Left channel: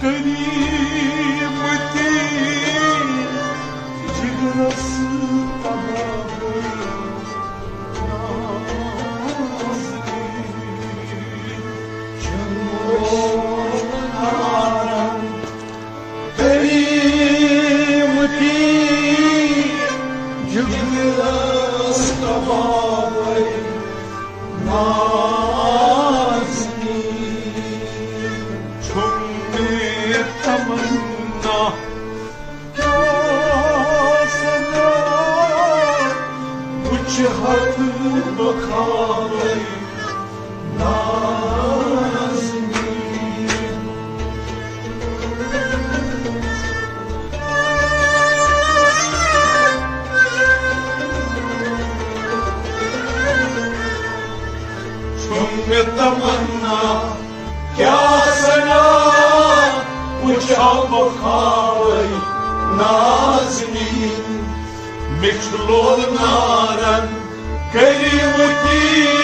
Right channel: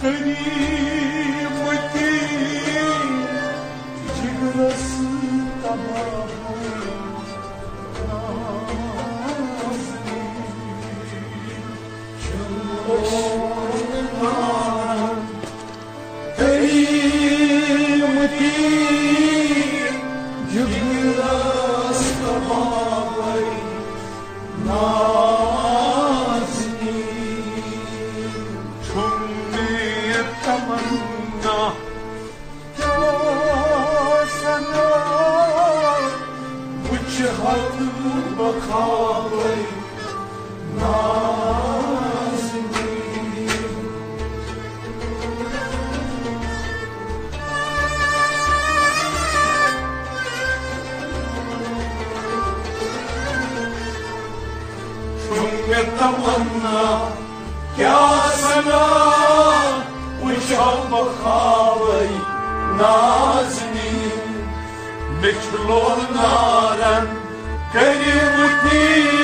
Kıymeti cigrası tamamı Kıymeti cigrası tamamı तमन्ना क्या सना कुछ हाथ बखावे नाज़नी चुन तमन्ना क्या सना Uçağım bakavay nazmin Meklol naran karimti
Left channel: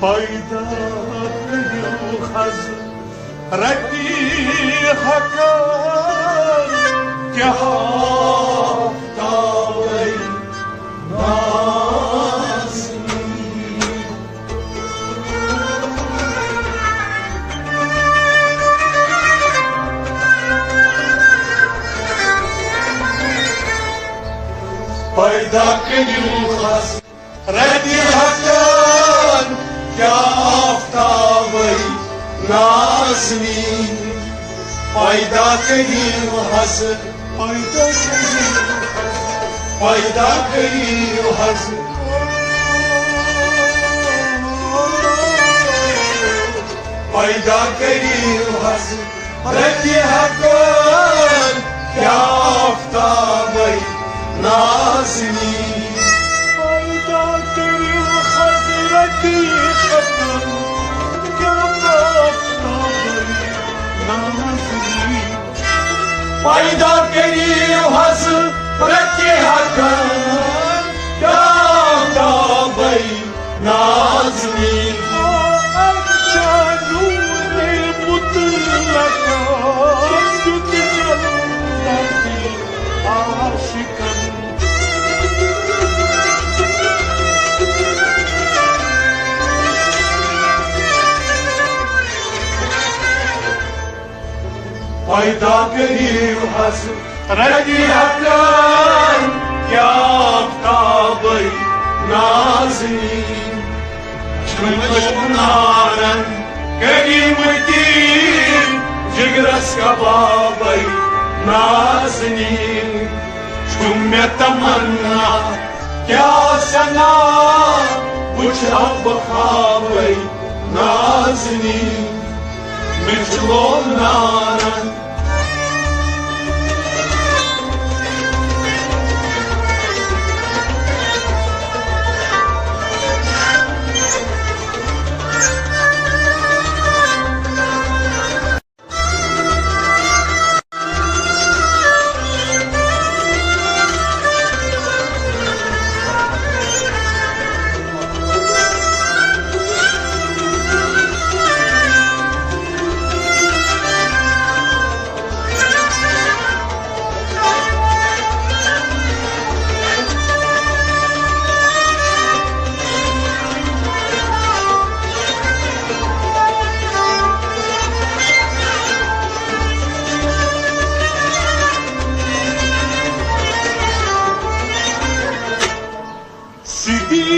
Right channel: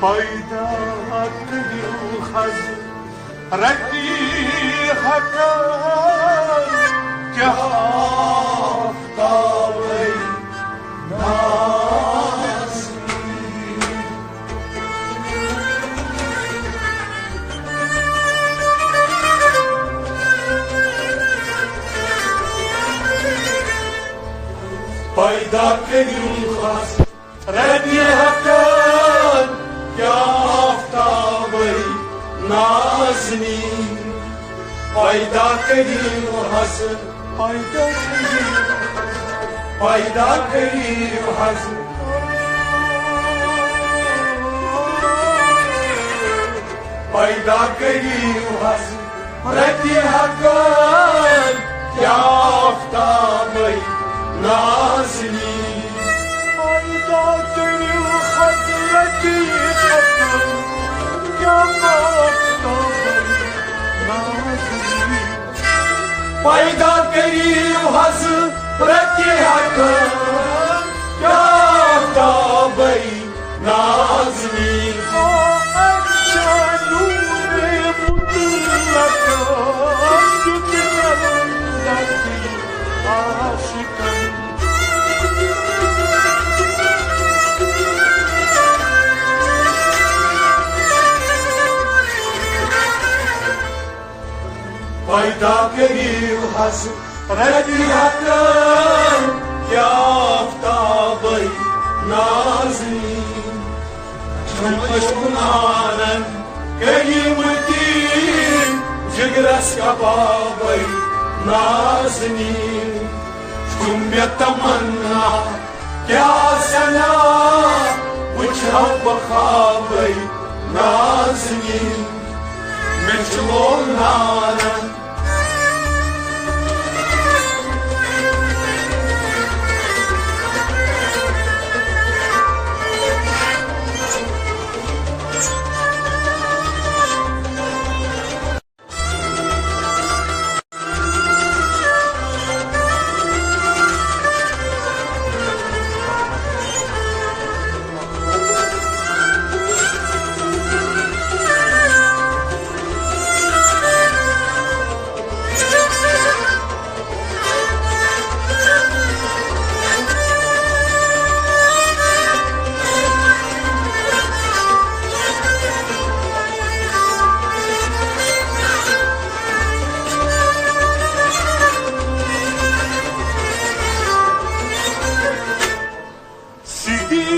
Payda kıyıl hazır Rakki hakar Kya haftavay nazmi Payda kıyıl hazır Rakki hakar Kya aftavay nazmin Payda kıyım hazır Payda kıyım hazır Payda kıyım hazır Rakki hakkın Kya aftavay nazmin Payda kıyım hazır Rakki hakkın Kya aftavay nazmin Payda kıyım hazır Rakki hakkın Kya aftavay nazmin Payda kıyım hazır Rakki hakkın Kya aftavay nazmin شمنانا كلمتي جرس كبابي نازني شم يتمنى يا سنا وشرب خابي نازني مجلونانا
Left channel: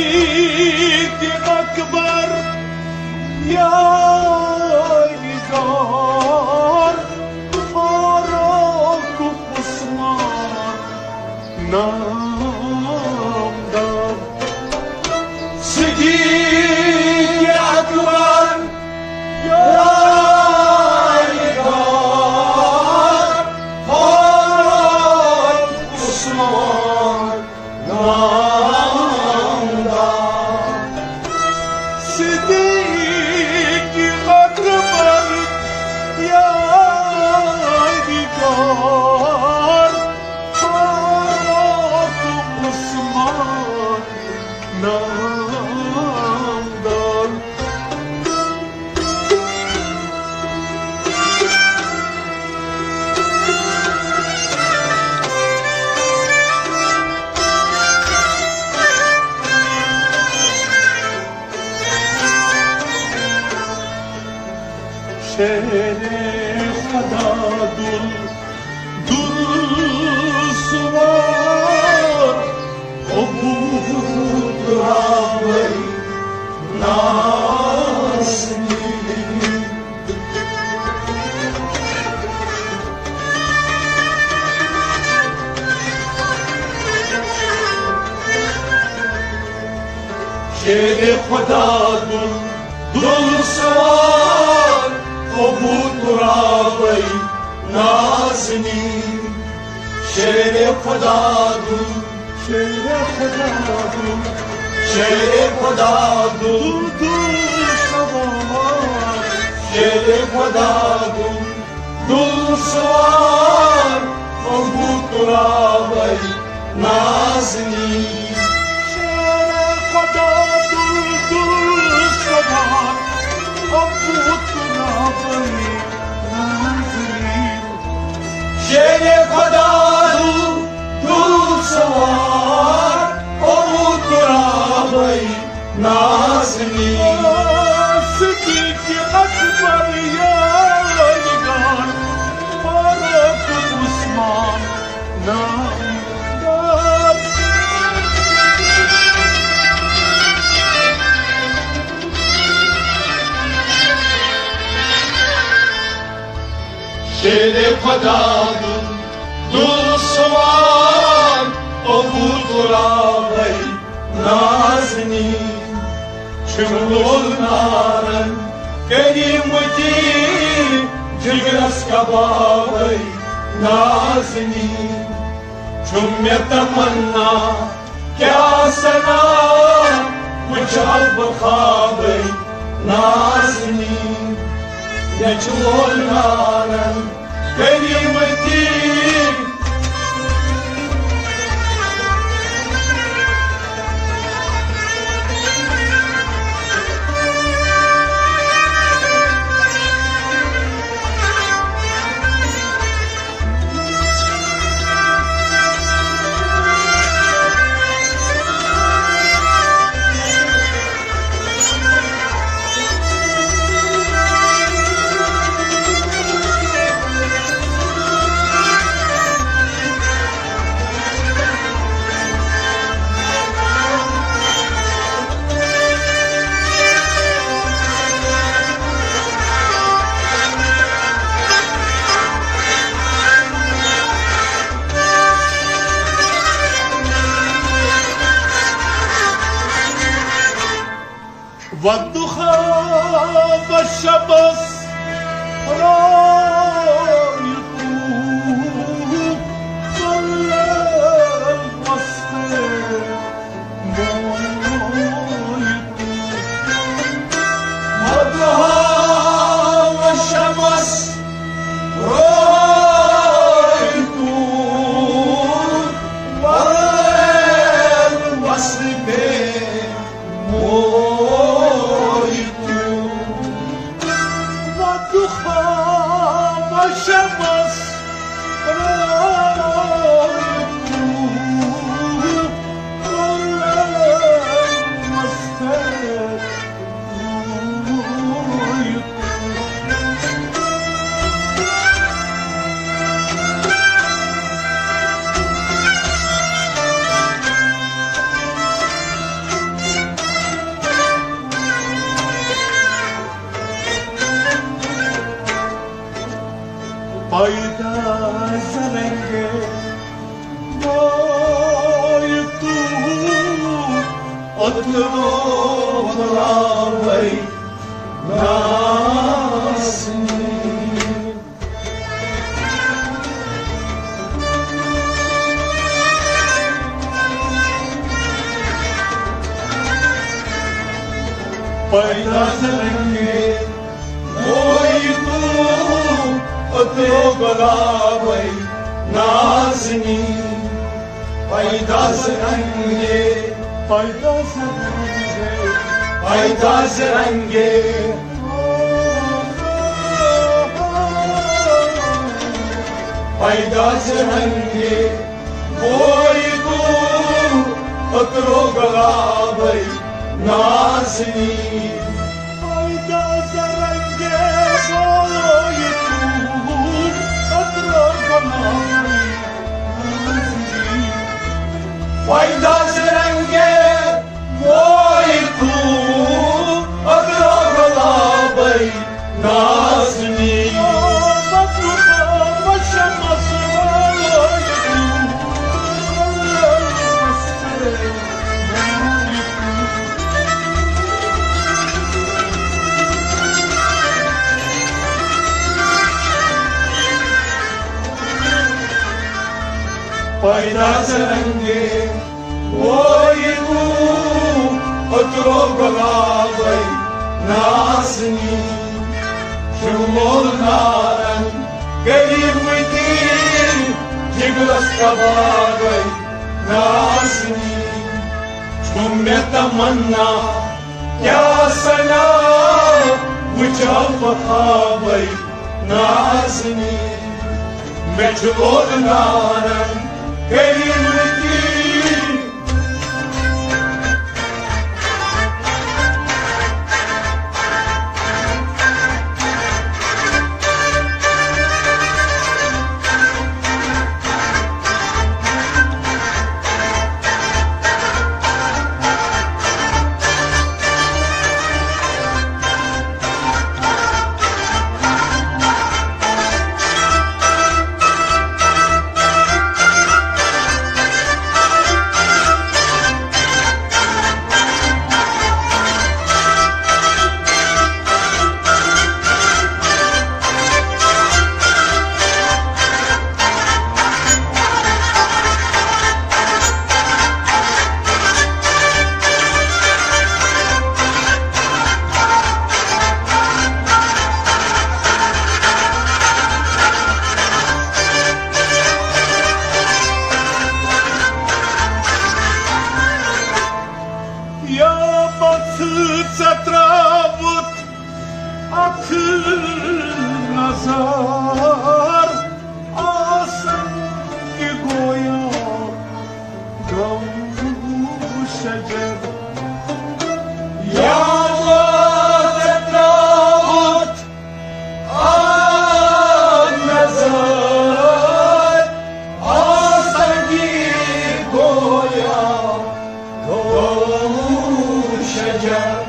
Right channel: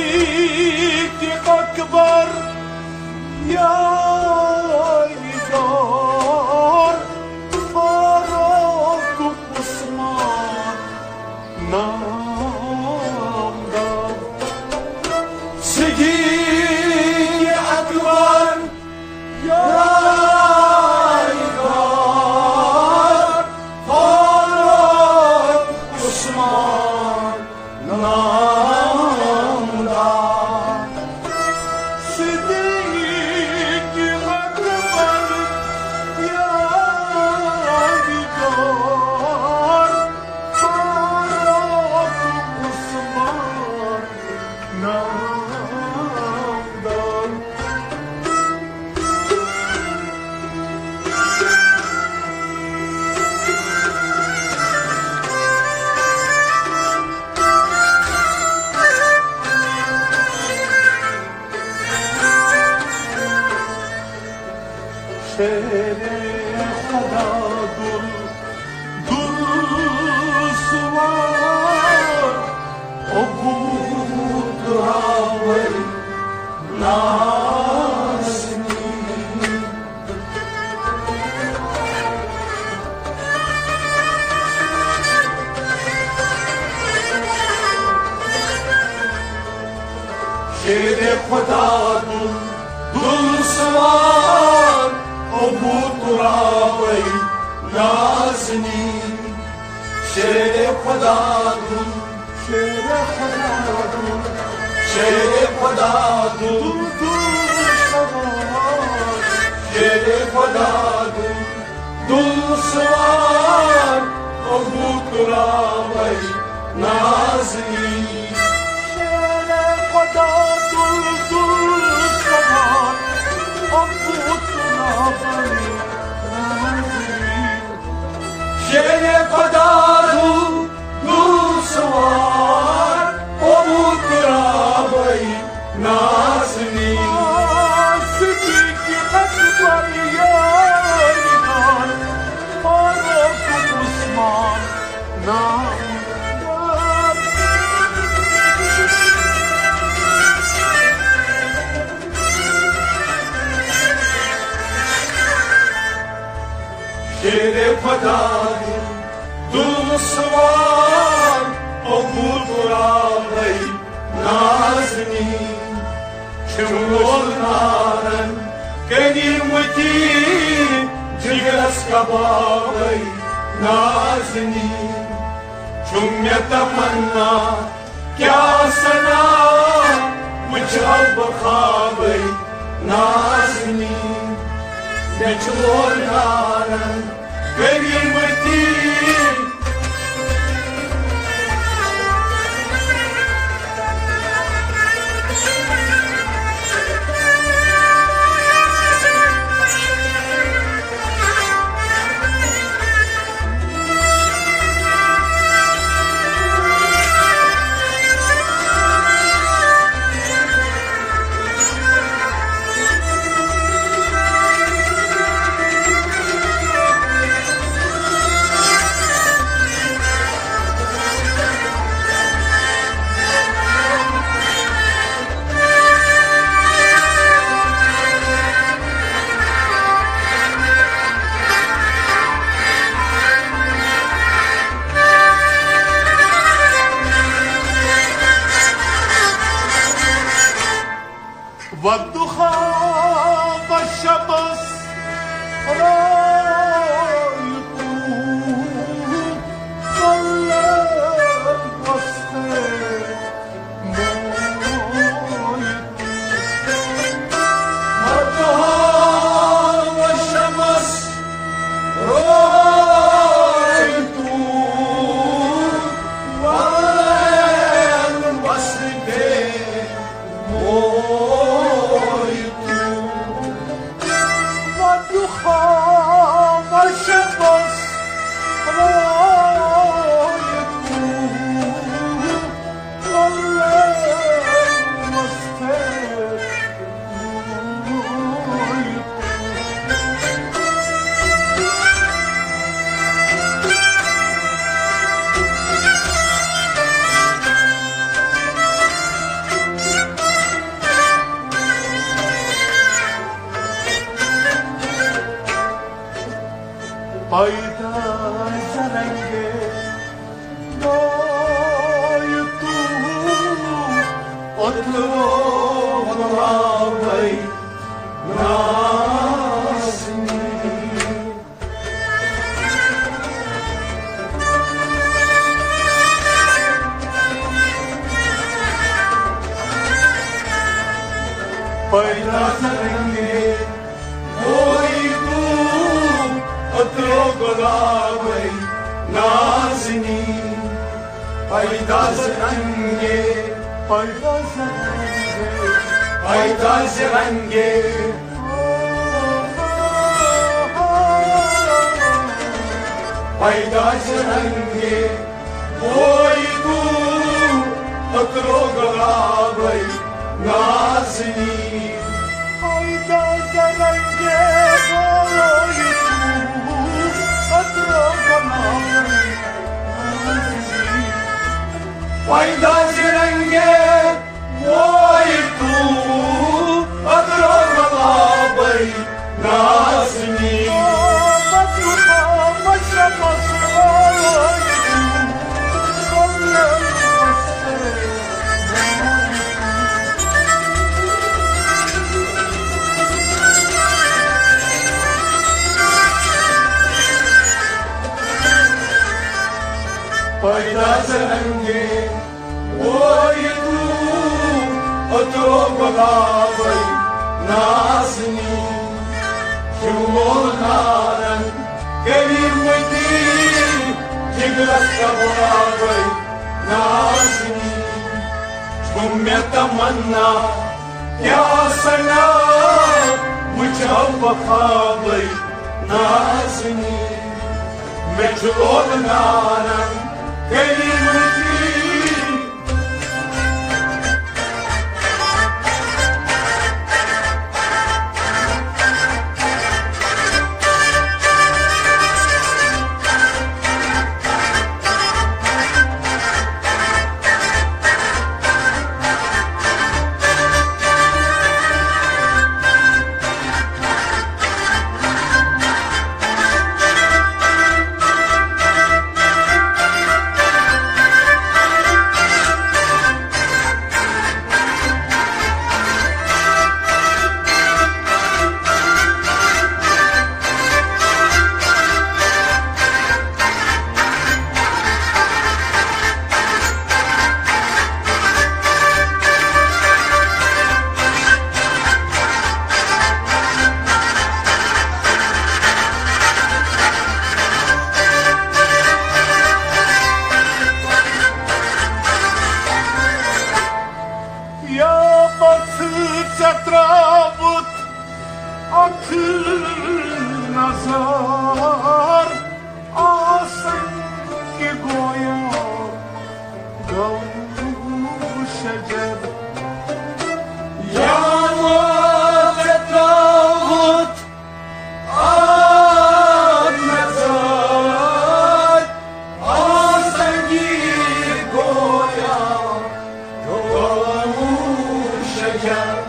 صديقي أكبر يا نزار فاروق عثمان نامدار صديقي أكبر يا نزار فاروق عثمان صديقي أكبر يا نجار فاروق عثمان نامدار شعر خدا دل سوار عبود راوی نازنی شعر خدا دل سوار عبود راوی نازنی شعر خدا شعر خدا دل سوار شعر خدا دل سوار عبود راوی نازنی شعر خدا دل سوار عبود شعر خدا دل سوار عبود راوی نازنی صدیقی اکبر یا نگار فاروق عثمان نامدار شعر خدا دل سوار عبود راوی نازنی شمولنارن كلمتي جرس كبابي نازني شم يتمنى يا سنا وجهك بخابي نازني نجولنارا كلمتي والضحى والشمس رايته والليل والصيف والضحى والشمس رايته والليل والصيف والضحى والشمس رايته والليل والصيف पैदा करेंगे मोय तू अतरो भाई नासनी पैदा करेंगे मोय तू अतरो गुलाबी नाज़नी पैदा ज़रंगे पैदा ज़रंगे पैदा ज़रंगे पैदा ज़रंगे कोई तू अतरो गुलाबी नाज़नी पैदा ज़रंगे कोई पैदा ज़रंगे कोई तू अतरो गुलाबी नाज़नी والضحى والشمس رايته والليل والصيف पैदा ज़रंगे कोई तू अतरो गुलाबी नाज़नी شمولنارن كلمتي جبرس كبابي نازني شم يتمنى يا سنا وجهه خابي نازني مجهولنارن كلمتي Travut akıl nazar asan ki goya gavu şecer yağmur travut ak nazar asan ki goya gavu şecer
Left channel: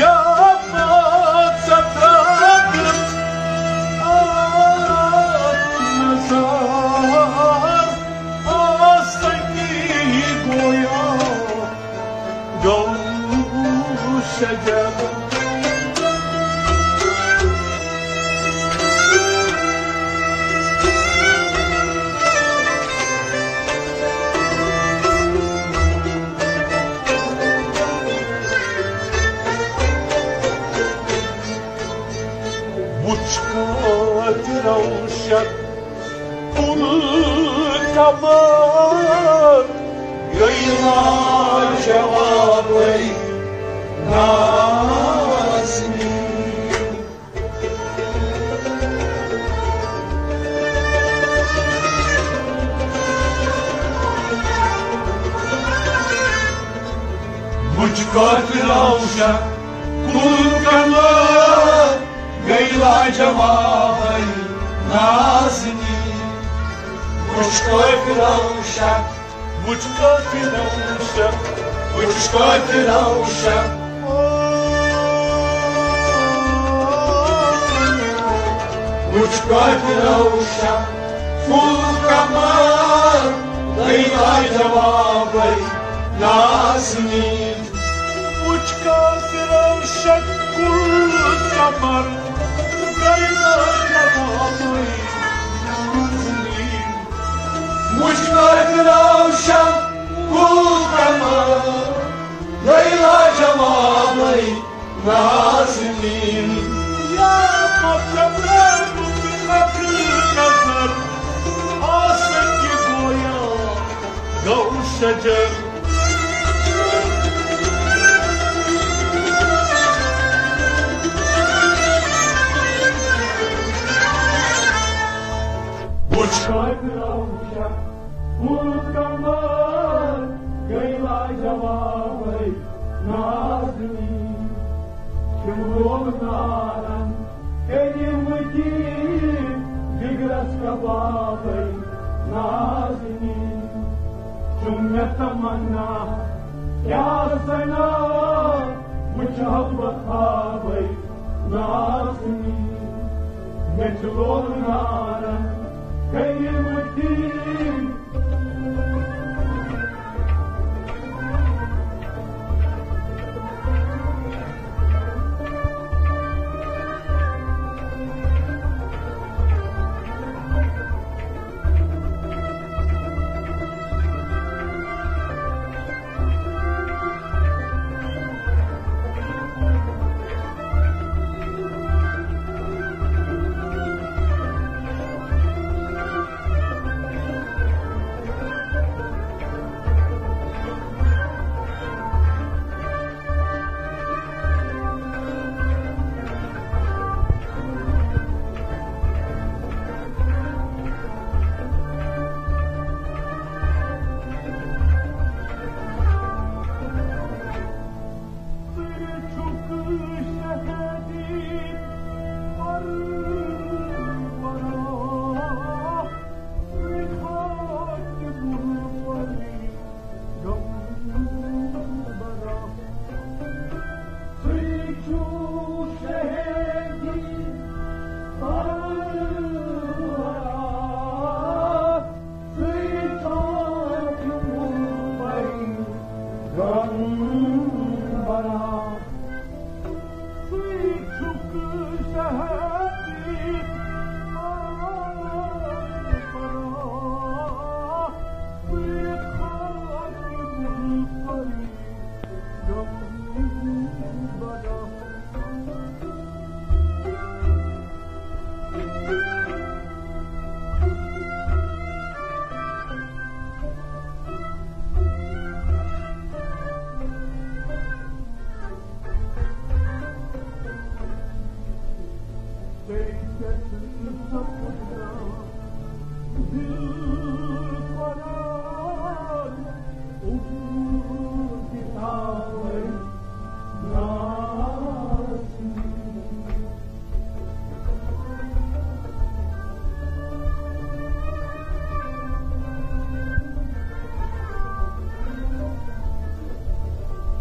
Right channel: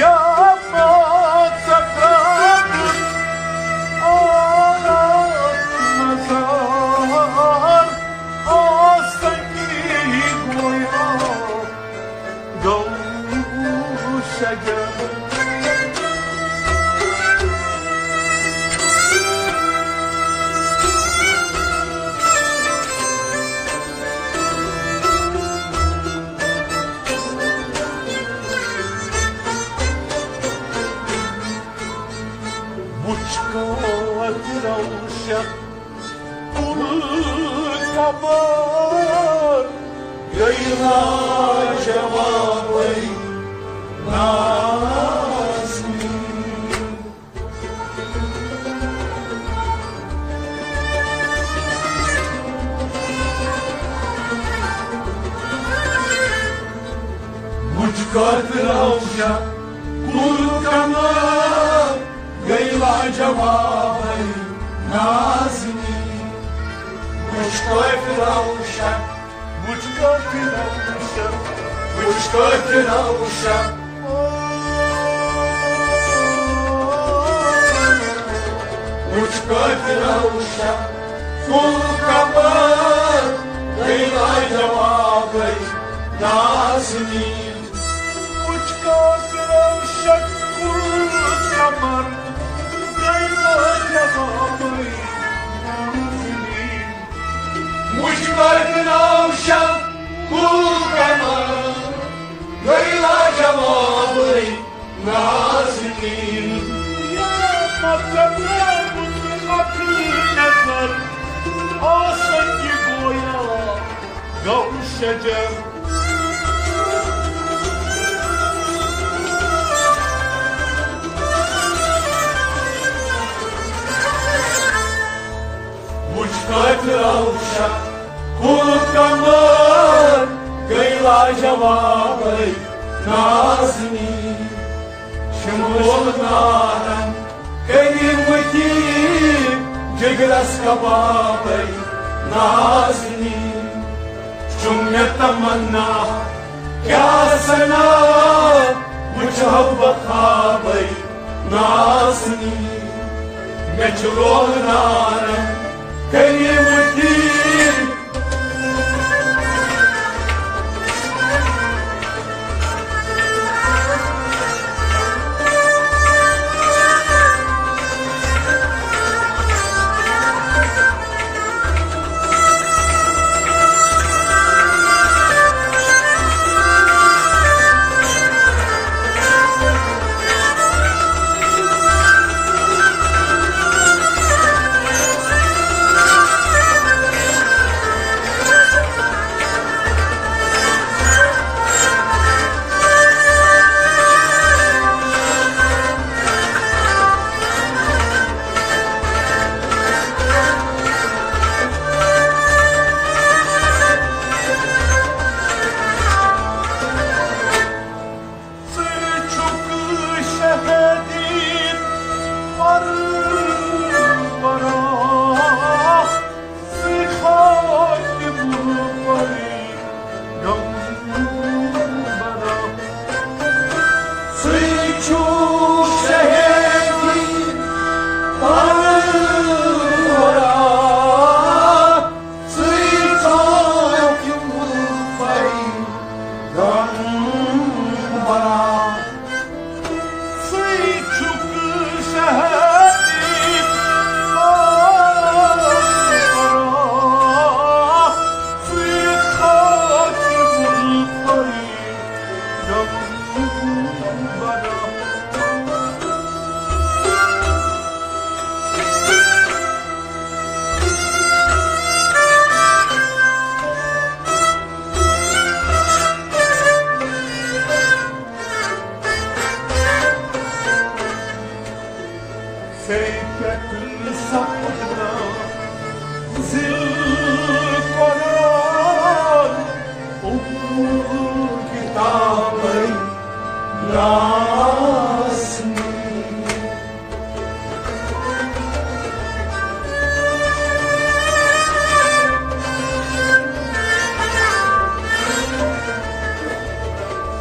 Ya Travut شجر مشكات روشك كل كمان غير جوابي ناسني مشكات روشك كل كمان غير جوابي ناسني مشكات روشك مشكات روشك مشكات روشك مشكات روشك كل كمان غير جوابي ناسني مشكات روشك كل كمان مشكات روشك كل كمان غير جوابي ناسني يا مطلب بمكر نظر آسك گویا گو شجر مشكات روشك كل كمان غير جوابي ناسني شمول نارا كلمتي جگرس كبابي ناسني شم يتمنى يا سنا مجهب خابي ناسني مجرور نارا كلمتي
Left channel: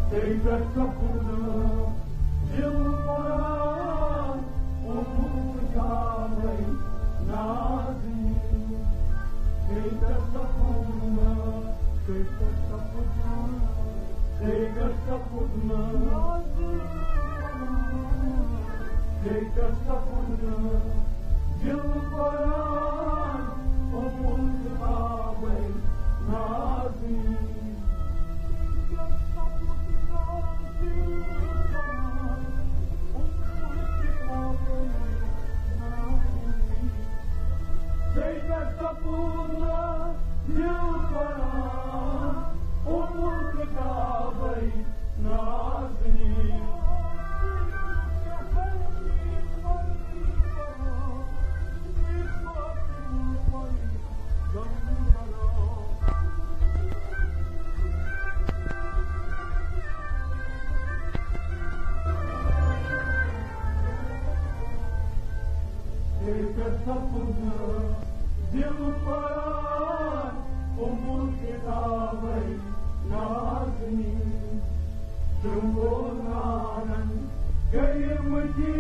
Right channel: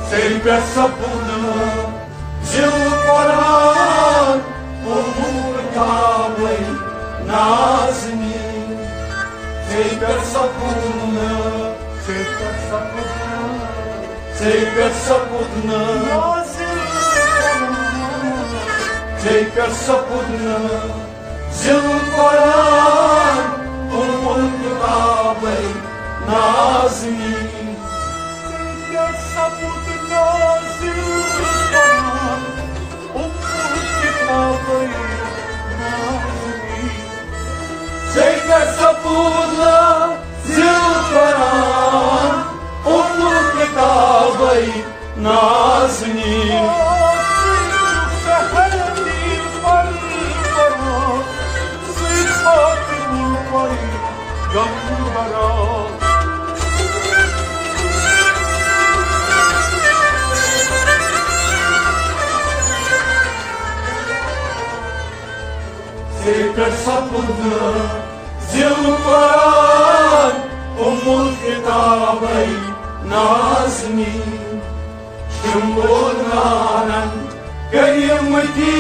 Sempre essa bunda de corar por cavai nasni sempre essa bunda sempre essa bunda nasni Take sapuna zilparan umul kitabai nazni. Take sapuna zilparan umul kitabai nazni. Take sapuna zilparan umul kitabai nazni. Tekrar sapıldı zilparan umul kitabai nazni. Şumbunanan kıyımeti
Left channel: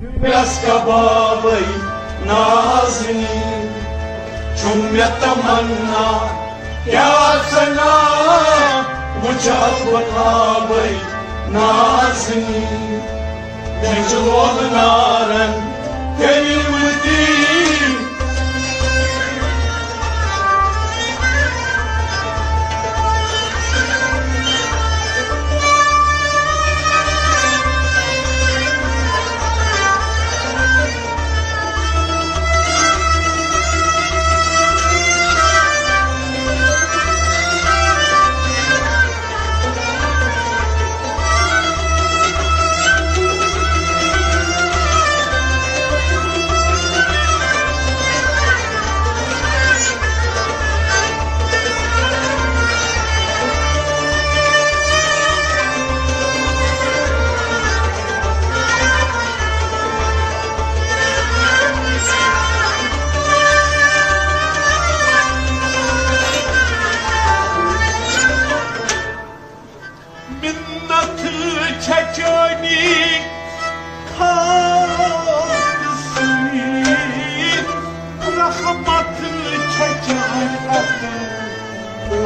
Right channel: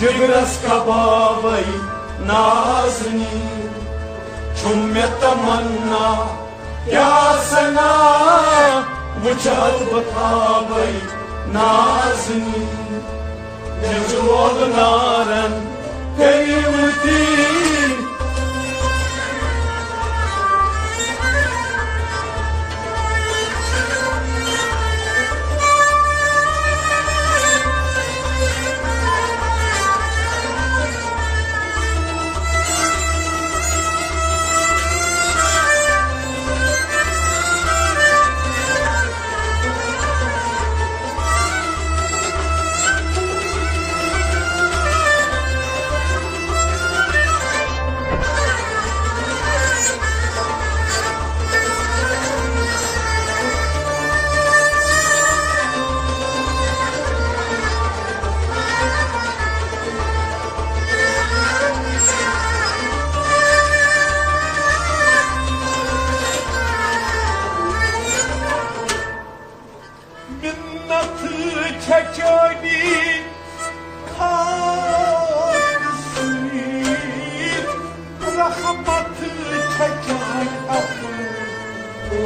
cibras kababai nazni. Çumya tamanna kya sana muchal batabai nazni. Jajlonaran kıyımeti çekeni karısı, rahmatı çeken akıllısı.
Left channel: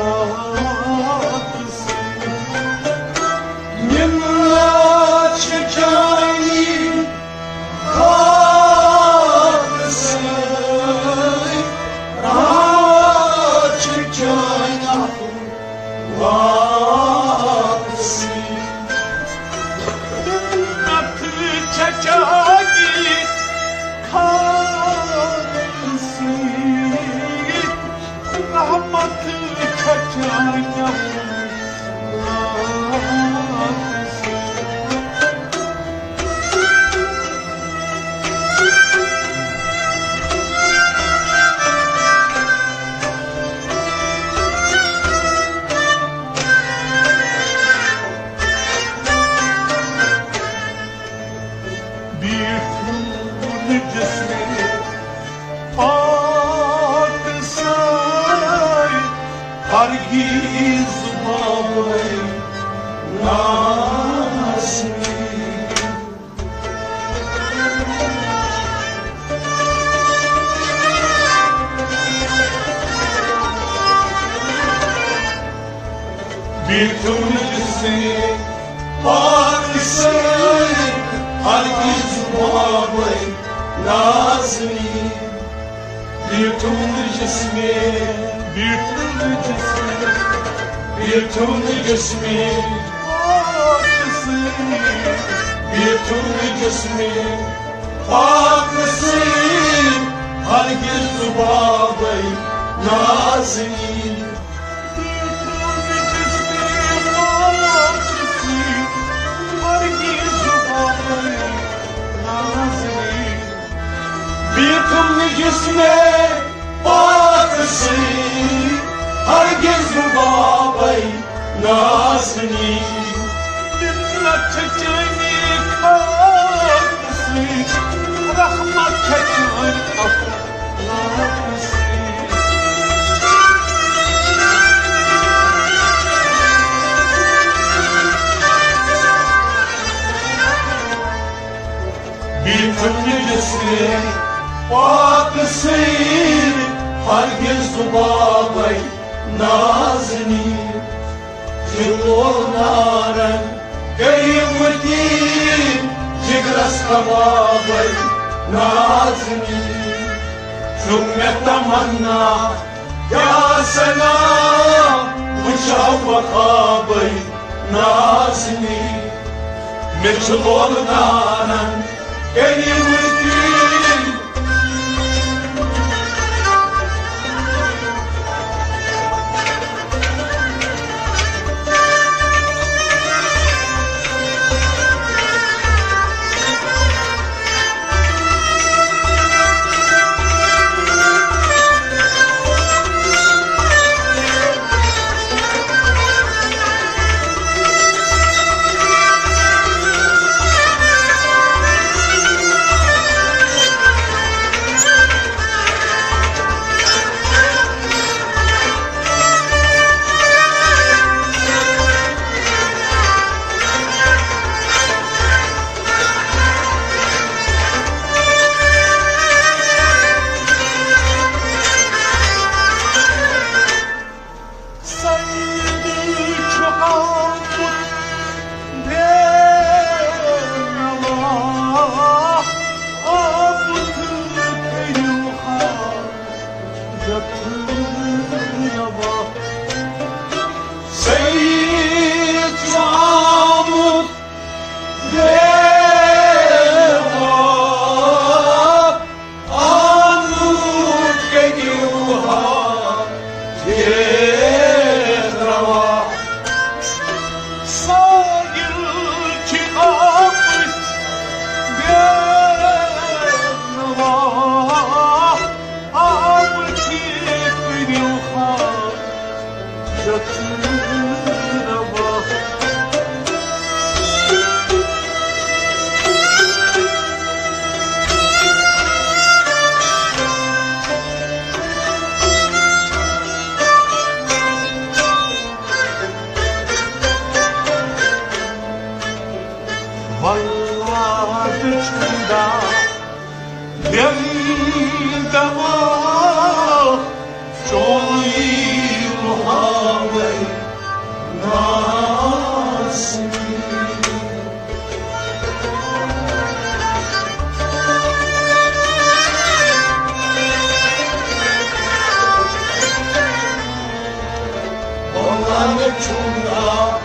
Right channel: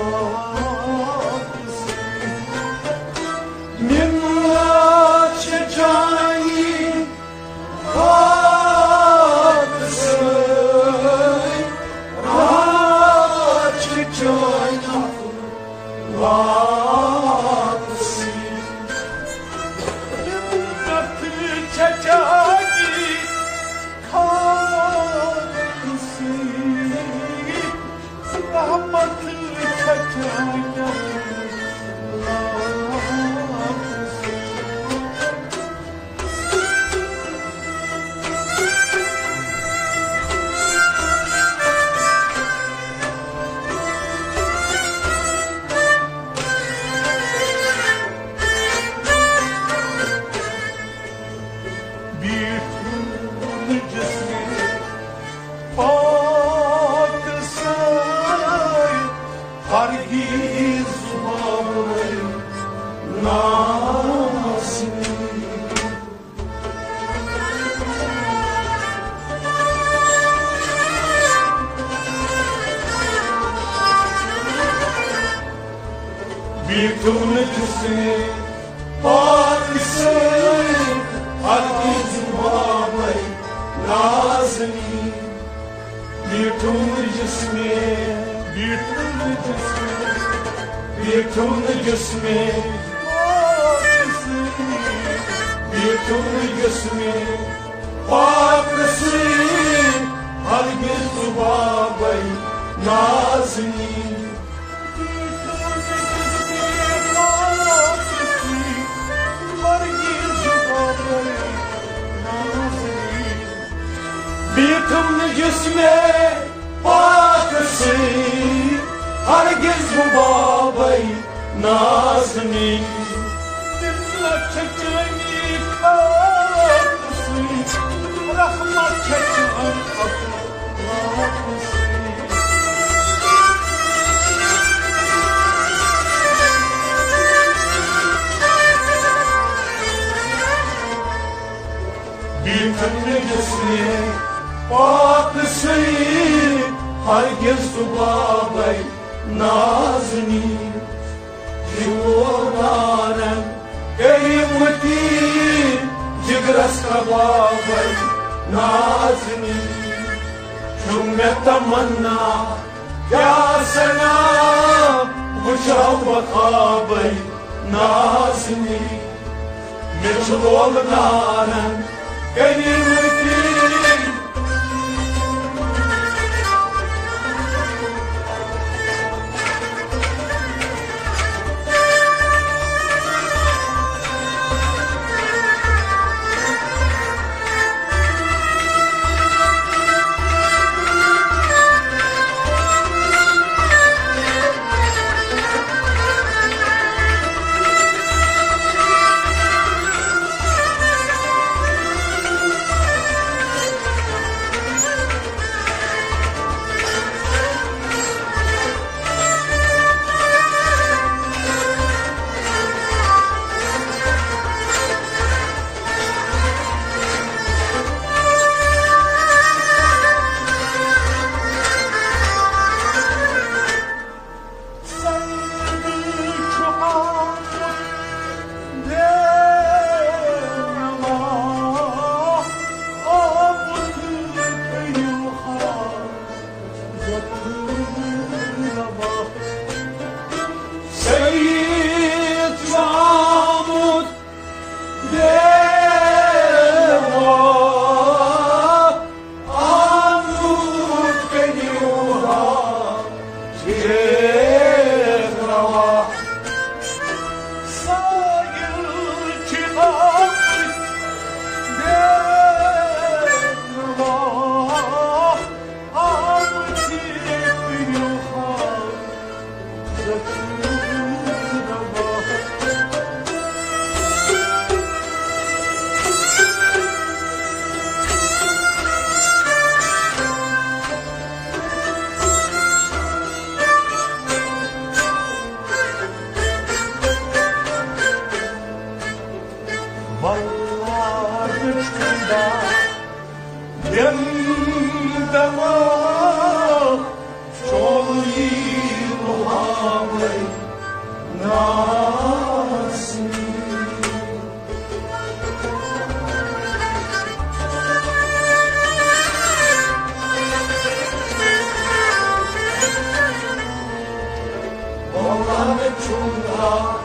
Minna çekeni karısı, rahmat çeken akıllısı. Çekeni karısı, rahmatı çeken akıllısı. Bir türlü cismi baksay, hargiz mağlayı nasmi. Bir türlü cismi baksay, hargiz mağlayı nazni. Bir türlü cismi, bir türlü cismi, bir türlü cismi baksın, bir türlü cismi baksın, hargiz mağlayı nazni. Bir türlü cismi baksın, hargiz mağlayı nazni. Bir türlü cisme baksın, hargiz babayı nazni. Minna çekeni karısı, rahmat çeken akıllısı. Bir türlü cismi baksın, hargiz babayı nazni. Jilonaren kıyımeti cigras نازنی چون تمنا یا سلام مشوقة نازني مثل نارا كلمتي Seyit Mahmud Deva Amut geliyorha Yedrava Sayıl çıkart Deva Amut geliyorha Vallahi dışında dendama çoğu muhabbet nasıl Vallahi çuna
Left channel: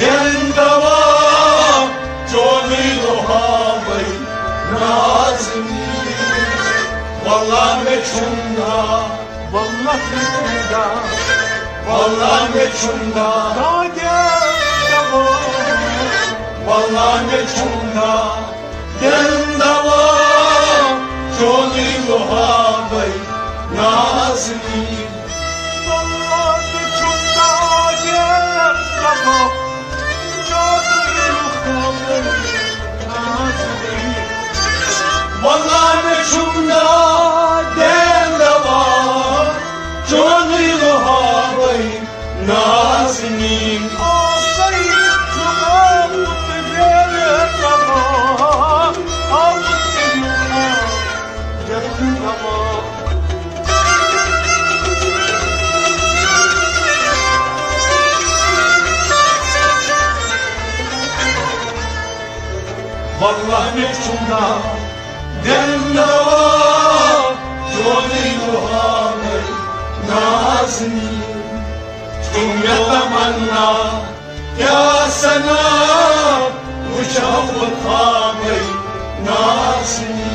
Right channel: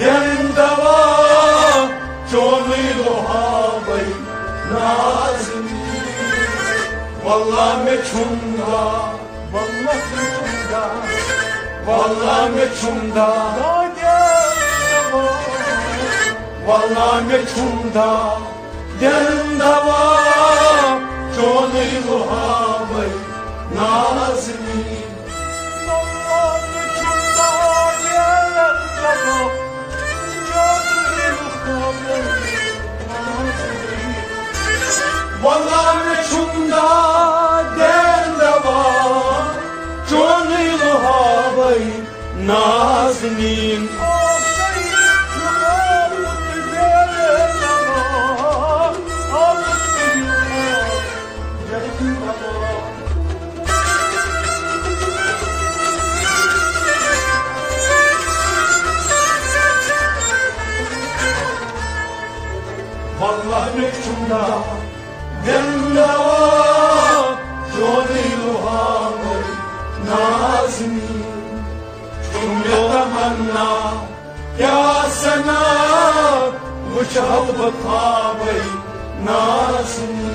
dendama çoğu muhabbet nasıl Vallahi çuna Vallahi çuna Vallahi çunda Vallahi çunda Dendava Çoğu muhabbet Nazmi Vallahi çunda Dendava Çoğu muhabbet Nazmi Vallahi çunda Dendava Çoğu muhabbet Nazmi Vallahi mektunda dendava Çoğu muhabbet Nazmi يتمنى يا سنا مشوقة ناسني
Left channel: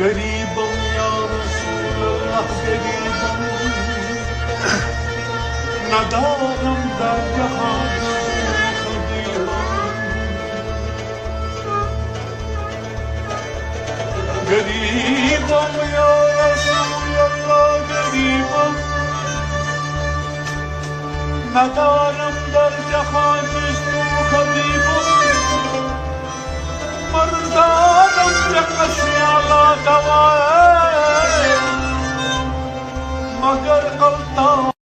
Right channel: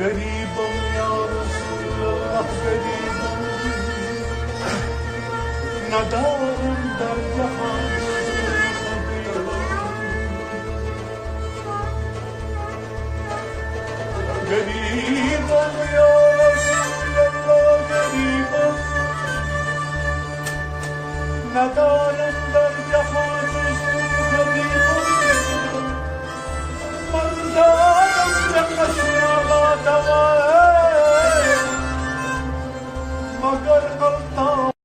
قريبا يا رسول الله قريبا ندارا درجها قريبا يا رسول الله قريبا ندارا درجها خطيبا مردادا تقسي على دوائر مگر قلتا